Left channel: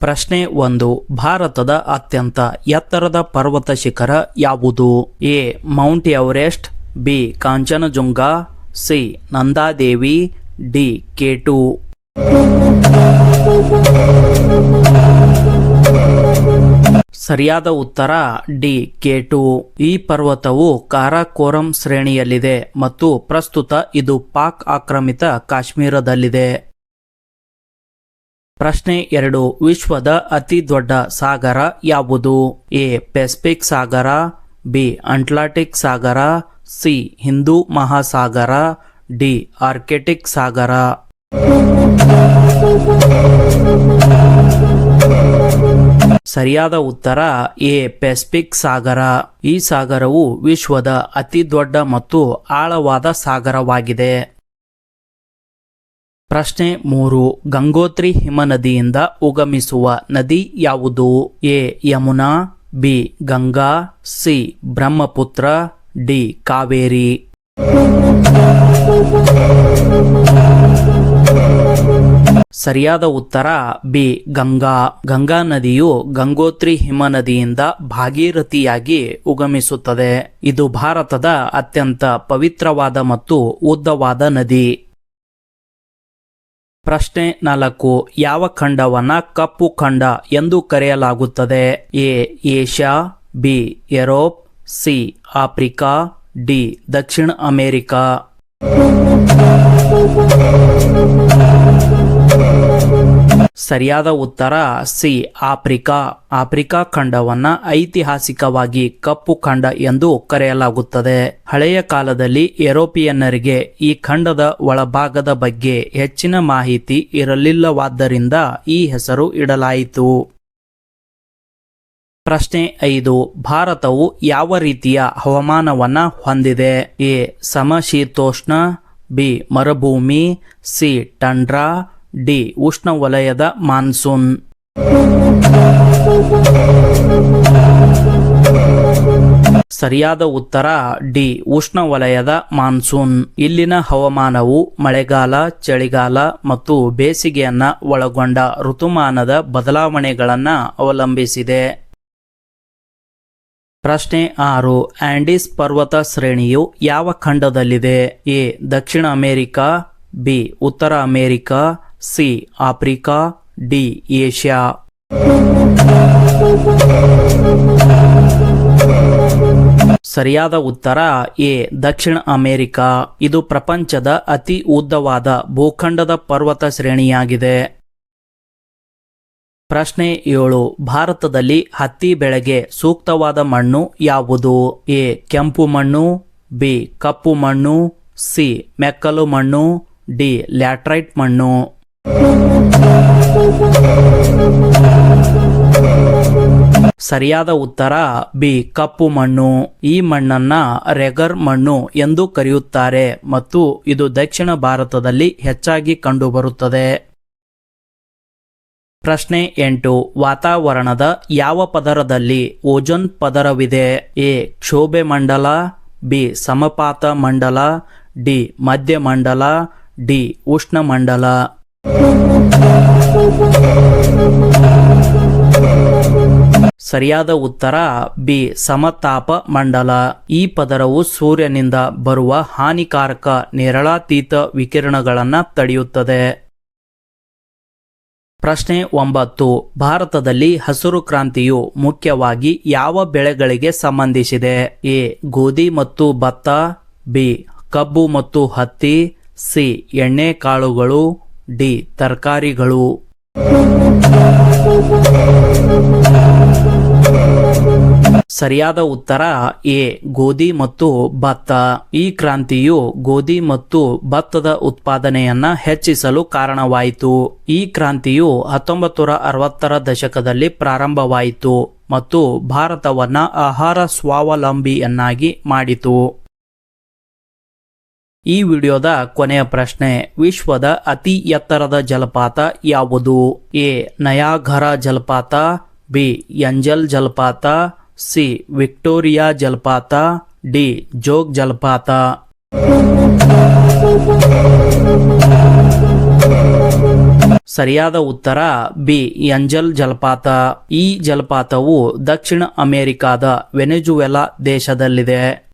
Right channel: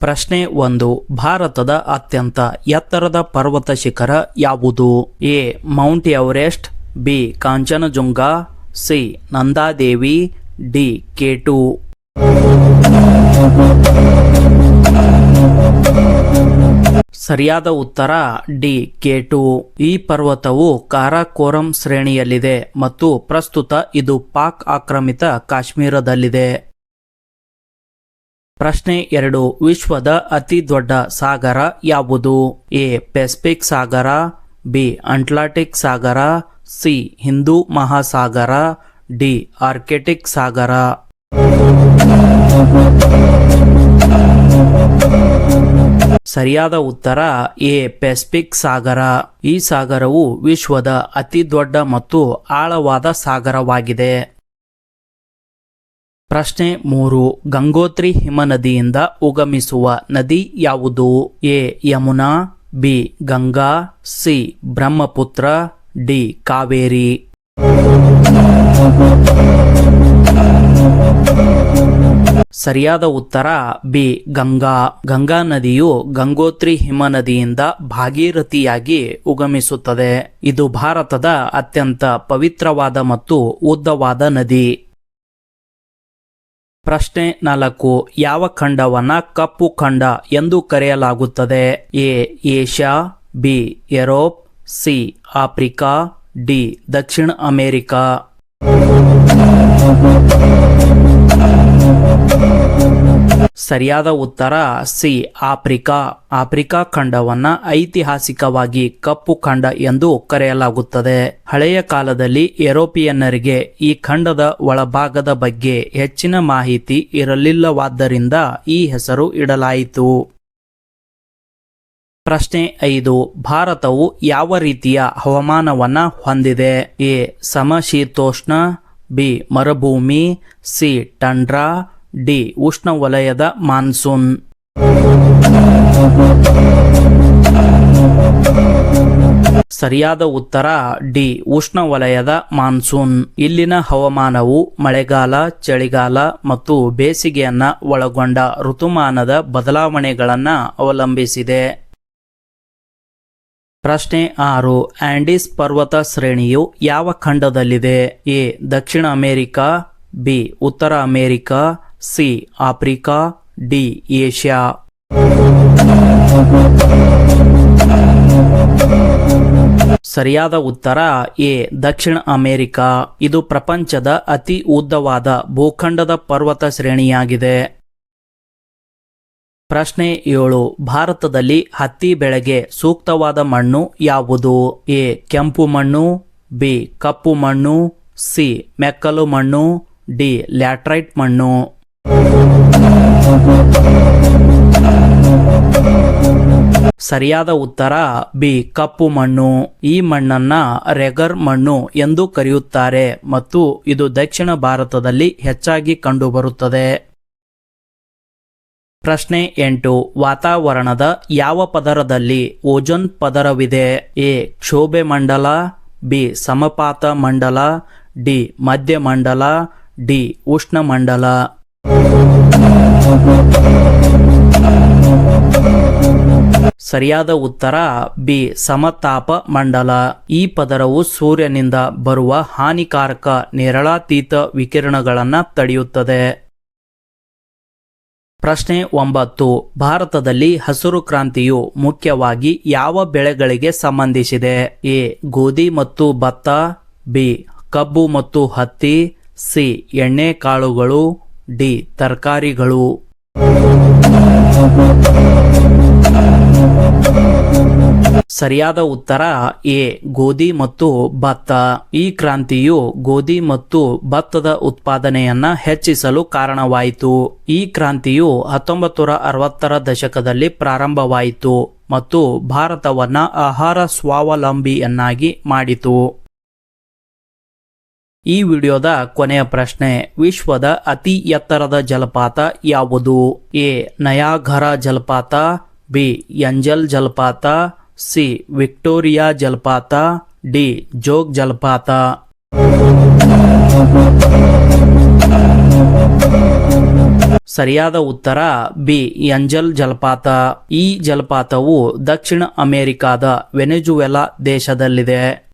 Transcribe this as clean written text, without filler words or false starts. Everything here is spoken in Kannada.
ಪ್ರಶ್ನೆ 1. ಭಾರತದ ಅತ್ಯಂತ ಎತ್ತರದ ಪರ್ವತ ಶಿಖರ ಯಾವುದು? A. Mount Everest, B. Kanchenjunga, C. Nanda Devi, D. K2. ಸರಿಯಾದ ಉತ್ತರ ಡಿ. K2. ಈ ಪರ್ವತವು ಕಾರಾಕೋರಂ ಶ್ರೇಣಿಯಲ್ಲಿದೆ ಮತ್ತು ಪ್ರಸ್ತುತ ಇದು ಪಾಕ್ ಆಕ್ರಮಿತ ಕಾಶ್ಮೀರದಲ್ಲಿದೆ. ಪ್ರಶ್ನೆ 2. ವಿಶ್ವದ ಅತಿ ದೊಡ್ಡ ಸಾಗರ ಯಾವುದು? ಎ. ಪೆಸಿಫಿಕ್ ಸಾಗರ, ಬಿ. ಅಟ್ಲಾಂಟಿಕ್ ಸಾಗರ, ಸಿ. ಹಿಂದೂ ಮಹಾಸಾಗರ, ಡಿ. ಆರ್ಕ್ಟಿಕ್ ಸಾಗರ. ಸರಿಯಾದ ಉತ್ತರ ಎ. ಪೆಸಿಫಿಕ್ ಸಾಗರ. ಈ ಸಾಗರವು ವಿಶ್ವದ ಅತಿ ದೊಡ್ಡ ಮತ್ತು ಆಳವಾದ ಸಾಗರವಾಗಿದೆ. ಪ್ರಶ್ನೆ 3. ಗಂಗೋತ್ರಿ ಹಿಮನದಿಯಿಂದ ಉಗಮಿಸುವ ನದಿ ಯಾವುದು? A. Yamuna, B. Ganga, C. Brahmaputra, D. Kaveri. ಸರಿಯಾದ ಉತ್ತರ ಬಿ. ಗಂಗಾ. ಗಂಗಾ ನದಿಯು ಗಂಗೋತ್ರಿ ಹಿಮನದಿಯಿಂದ ಭಾಗೀರಥಿಯಾಗಿ ಉಗಮಿಸುತ್ತದೆ. ಇದು ಭಾರತದ ಅತ್ಯಂತ ಪವಿತ್ರವಾದ ಮತ್ತು ಉದ್ದವಾದ ನದಿ. ಪ್ರಶ್ನೆ 4. ಯಾವ ಖಂಡವನ್ನ ಕಪ್ಪು ಖಂಡ ಎಂದು ಕರೆಯಲಾಗುತ್ತದೆ? A. Asia, B. Europe, C. Africa, D. Dakshina America. ಸರಿಯಾದ ಉತ್ತರ ಸಿ. ಆಫ್ರಿಕಾ. ಆಫ್ರಿಕಾ ಖಂಡವನ್ನ ಐತಿಹಾಸಿಕವಾಗಿ ಕಪ್ಪು ಖಂಡ ಎಂದು ಕರೆಯಲಾಗುತ್ತದೆ. ಹಳೆಯ ಕಾಲದಲ್ಲಿ ಯುರೋಪಿಯನ್ನರಿಗೆ ಈ ಖಂಡದ ಒಳಭಾಗದ ಬಗ್ಗೆ ಹೆಚ್ಚಿನ ಮಾಹಿತಿ ಇರಲಿಲ್ಲವಾದ್ದರಿಂದ ಈ ಹೆಸರು ಇಡಲಾಯಿತು. ಪ್ರಶ್ನೆ 5. ಭಾರತವು ಯಾವ ರೀತಿಯ ಹವಾಮಾನವನ್ನ ಹೊಂದಿದೆ? ಎ. ಸಮಶೀತೋಷ್ಣ, ಬಿ. ಮರುಭೂಮಿ, ಸಿ. Tundra, D. ಉಷ್ಣವಲಯದ ಮಾನ್ಸೂನ್. ಸರಿಯಾದ ಉತ್ತರ ಡಿ. ಉಷ್ಣವಲಯದ ಮಾನ್ಸೂನ್. ಇಲ್ಲಿನ ಹವಾಮಾನವು ಮಳೆಗಾಲ, ಚಳಿಗಾಲ ಮತ್ತು ಬೇಸಿಗೆಯನ್ನ ಒಳಗೊಂಡ ಋತುಮಾನದ ಬದಲಾವಣೆಗಳನ್ನ ಅವಲಂಬಿಸಿದೆ. ಪ್ರಶ್ನೆ 6. ಆಂಡೀಸ್ ಪರ್ವತ ಶ್ರೇಣಿಯು ಯಾವ ಖಂಡದಲ್ಲಿದೆ? ಎ. Dakshina America, B. ಉತ್ತರ America, C. Africa, D. Asia. ಸರಿಯಾದ ಉತ್ತರ ಎ. Dakshina America. ಇದು ಪ್ರಪಂಚದ ಅತಿ ಉದ್ದವಾದ ಭೂಖಂಡದ ಪರ್ವತ ಶ್ರೇಣಿಯಾಗಿದೆ. ಪ್ರಶ್ನೆ 7. ಭಾರತದಲ್ಲಿ ಹತ್ತಿ ಬೆಳೆಗೆ ಸೂಕ್ತವಾದ ಮಣ್ಣು ಯಾವುದು? ಎ. ಕೆಂಪು ಮಣ್ಣು, ಬಿ. ಕಪ್ಪು ಮಣ್ಣು, ಸಿ. ಮೆಕ್ಕಲು ಮಣ್ಣು, ಡಿ. ಲ್ಯಾಟರೈಟ್ ಮಣ್ಣು. ಸರಿಯಾದ ಉತ್ತರ ಬಿ. ಕಪ್ಪು ಮಣ್ಣು. ಈ ಮಣ್ಣನ್ನ ರೆಗರ್ ಮಣ್ಣು ಎಂದು ಕರೆಯುತ್ತಾರೆ ಮತ್ತು ಇದು ದಕ್ಷಿಣ ಭಾರತದಲ್ಲಿ ಹೆಚ್ಚಾಗಿ ಕಂಡುಬರುತ್ತದೆ. ಪ್ರಶ್ನೆ 8. ವಾತಾವರಣದ ಯಾವ ಪದರದಲ್ಲಿ ಓಜೋನ್ ಪದರವಿದೆ? ಎ. ಕ್ಷೋಭೆ ಮಂಡಲ, ಬಿ. ಸಮಪಾತ ಮಂಡಲ, ಡಿ. ಮಧ್ಯಮಂಡಲ, ಡಿ. ಉಷ್ಣಮಂಡಲ. ಸರಿಯಾದ ಉತ್ತರ ಬಿ. ಸಮತಾಪ ಮಂಡಲ. ಈ ಪದರವು ಸೂರ್ಯನಿಂದ ಬರುವ ಹಾನಿಕಾರಕ ನೇರಳಾತೀತ ವಿಕಿರಣಗಳನ್ನ ತಡೆಯುತ್ತದೆ. ಪ್ರಶ್ನೆ 9. ಭಾರತದಲ್ಲಿ ಹಸಿರು ಕ್ರಾಂತಿಯು ಮುಖ್ಯವಾಗಿ ಯಾವ ಬೆಳೆಗಳಿಗೆ ಸಂಬಂಧಿಸಿದೆ? ಎ. ಗೋಧಿ ಮತ್ತು ಭತ್ತ, ಬಿ. ಕಬ್ಬು ಮತ್ತು ಹತ್ತಿ, ಸಿ. ಎಣ್ಣೆಕಾಳುಗಳು, ಡಿ. ತರಕಾರಿಗಳು. ಸರಿಯಾದ ಉತ್ತರ ಎ. ಗೋಧಿ ಮತ್ತು ಭತ್ತ. ಈ ಕ್ರಾಂತಿಯು ಗೋಧಿ ಮತ್ತು ಭತ್ತದ ಉತ್ಪಾದನೆಯನ್ನ ಹೆಚ್ಚಿಸಲು ಕಾರಣವಾಯಿತು. ಈ ಕ್ರಾಂತಿಯು 1960ರ ದಶಕದಲ್ಲಿ ಪ್ರಾರಂಭವಾಯಿತು ಮತ್ತು ಭಾರತವನ್ನ ಆಹಾರ ಸ್ವಾವಲಂಬಿಯನ್ನಾಗಿ ಮಾಡಿತು. ಈ ವಿಡಿಯೋದ ಕೊನೆಯ ಪ್ರಶ್ನೆ. ವಿಶ್ವದ ಅತಿ ಎತ್ತರದ ಜಲಪಾತ ಯಾವುದು? ಎ. ನಯಾಗರಾ ಜಲಪಾತ, ಬಿ. ಎಂಜಲ್ ಜಲಪಾತ, ಸಿ. ವಿಕ್ಟೋರಿಯಾ ಜಲಪಾತ, ಡಿ. ಜೋಗ್ ಜಲಪಾತ. ಸರಿಯಾದ ಉತ್ತರ ಬಿ ಎಂಜಲ್ ಜಲಪಾತ. ಈ ಜಲಪಾತವು ದಕ್ಷಿಣ ಅಮೆರಿಕಾದ ವೆನೆಜುವೆಲಾ ದೇಶದಲ್ಲಿದೆ.